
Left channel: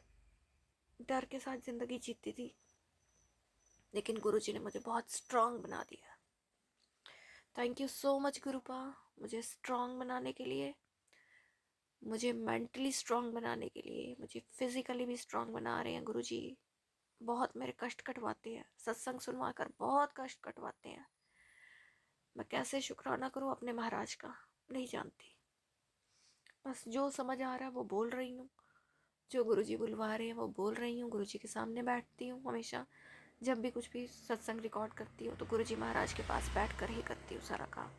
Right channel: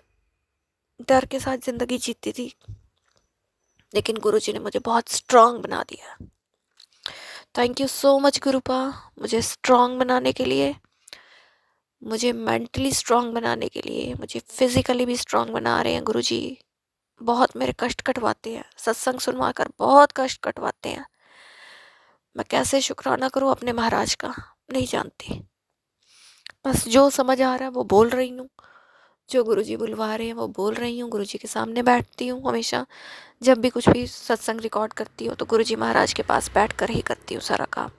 डर के साथ ज़िंदगी जीती थी, लेकिन गुरुजी ने मुझे बहुत स्ट्रांग बना दिया। थैंक यू सो मच गुरुपा, मुझे स्ट्रांग बनाने के लिए, मुझे मेंटली स्ट्रांग बनाने के लिए, मुझे फिज़िकली भी स्ट्रांग बना रहे हैं गुरुजी। बहुत मेरे कष्ट कटवाते हैं, सत्संग सुनवा कर बहुत कष्ट कटवाते हैं। मैं कैसे शुक्राना करूं अपने महाराज का, नहीं जानती। बस जो समझ आ रहा है वो बोल रही हूँ, जो गुरुजी बुलवा रहे हैं वो बोल रही हूँ। गुरुजी के सामने बैठती हूँ हमेशा, जब भी कुछ भी सत्संग रिकॉर्ड करती हूँ तो गुरुजी महाराज के पास बैठ कर ही करती हूँ सारा काम,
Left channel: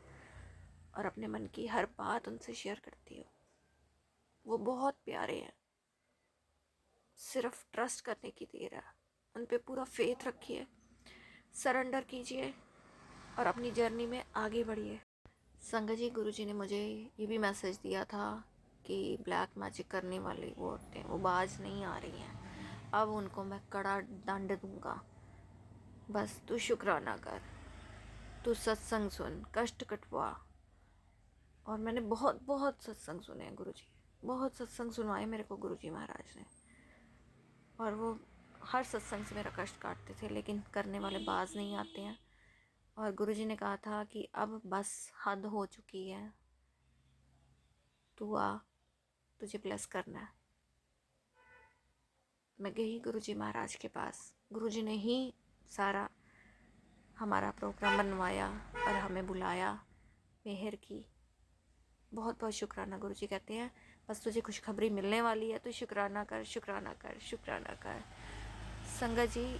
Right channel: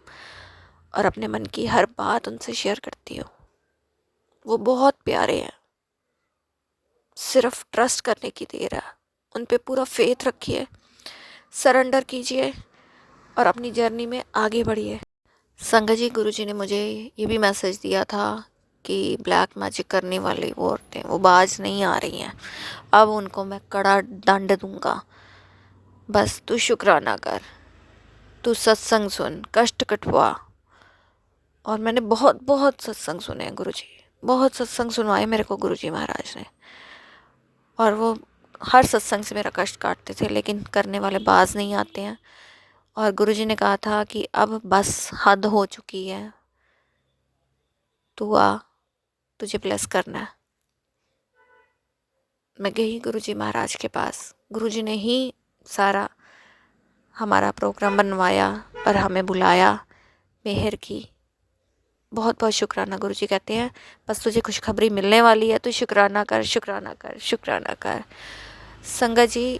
और अपने मन की हर बात उनसे शेयर करती हूँ। वो बहुत प्यारे हैं, सिर्फ ट्रस्ट करने की देर है। उन पे पूरा फेथ रखिए, सरेंडर कीजिए और अपनी जर्नी में आगे बढ़िए। संगत जी, गुरुजी ने मुझे ये भी मैसेज दिया था कि ब्लैक मैजिक करने वाली वो औरतें वो बाज नहीं आ रही हैं, अब उनको मैं कड़ा दंड दूंगा। बस तू शुक्राना कर, तू सत्संग सुन, कष्ट कटवा। और मैंने बहुत बहुत सत्संग सुने हैं गुरुजी, बहुत सत्संग सुनवाए मेरे को गुरुजी महाराज ने, और वो हर सत्संग से मेरा कष्ट काटते थे, लेकिन करने वाले बाज नहीं आते हैं। और गुरुजी ने कहा था कि अब बस हद हो चुकी है, तू आ, तुझे ब्लेस करना है। मैं गई गुरुजी महाराज के पास, गुरुजी ने ही सारा हमारा प्रोग्राम बनवाया और हमें बुलाया, मेहर की। बहुत बहुत शुक्राना। गुरुजी कहते हैं बस तुझे खुशखबरी मिलने वाली है, तो शुक्राना कर, शुक्राना कर, शुक्राना कर। संगत जी,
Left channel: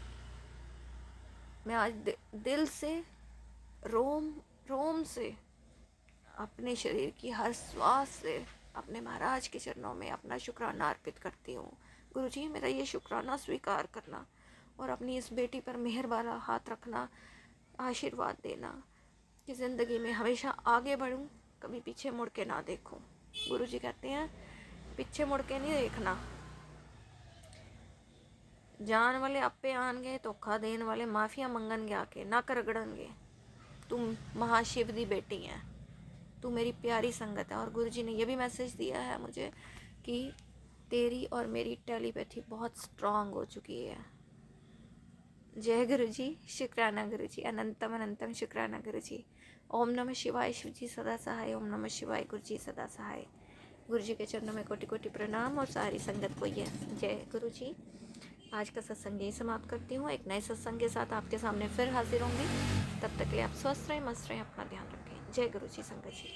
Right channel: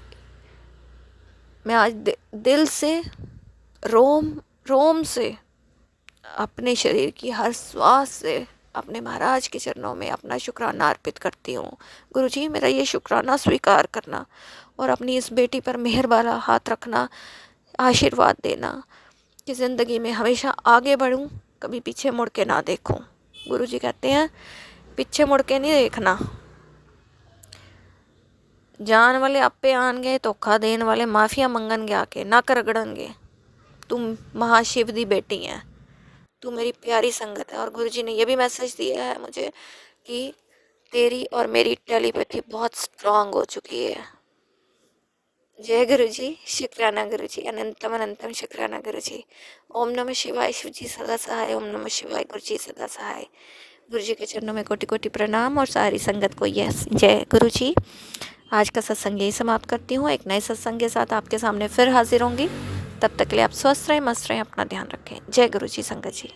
मैं आज दिल से, रोम रोम से, अपने शरीर की हर श्वास से अपने महाराज के चरणों में अपना शुक्राना अर्पित करती हूँ। गुरुजी, मेरा ये शुक्राना स्वीकार करना और अपनी इस बेटी पर मेहर वाला हाथ रखना, आशीर्वाद देना कि ज़िंदगी में हमेशा आगे बढ़ूँ, कभी पीछे मुड़ के ना देखूँ। गुरुजी कहते हैं पीछे मुड़ के नहीं देखना, जान वाले आपे आनगे, धोखा देने वाले माफिया मंगनगे, आके नक रगड़नगे। तुम महाशिव दी बेटी हैं, तू मेरी प्यारी संगत है। और गुरुजी ने यह भी मैसेज दिया है मुझे कि तेरी और मेरी टेलीपैथी बहुत स्ट्रांग हो चुकी है। जय गुरुजी, शुक्राना गुरुजी, अनंतम अनंतम शुक्राना गुरुजी। ओम नमः शिवाय, शिव जी सदा सहाय। ओम नमः शिवाय, गुरुजी सदा सहाय। गुरुजी के चरणों में कोटि कोटि प्रणाम और सारी संगत को यस जय गुरुजी। आज का सत्संग यही समाप्त करती हूँ। एक नए सत्संग के साथ आपके सामने फिर हाजिर होंगी। तब तक के लिए आप स्वस्थ रहें, मस्त रहें, अपना ध्यान रखें। जय गुरुजी संगत जी।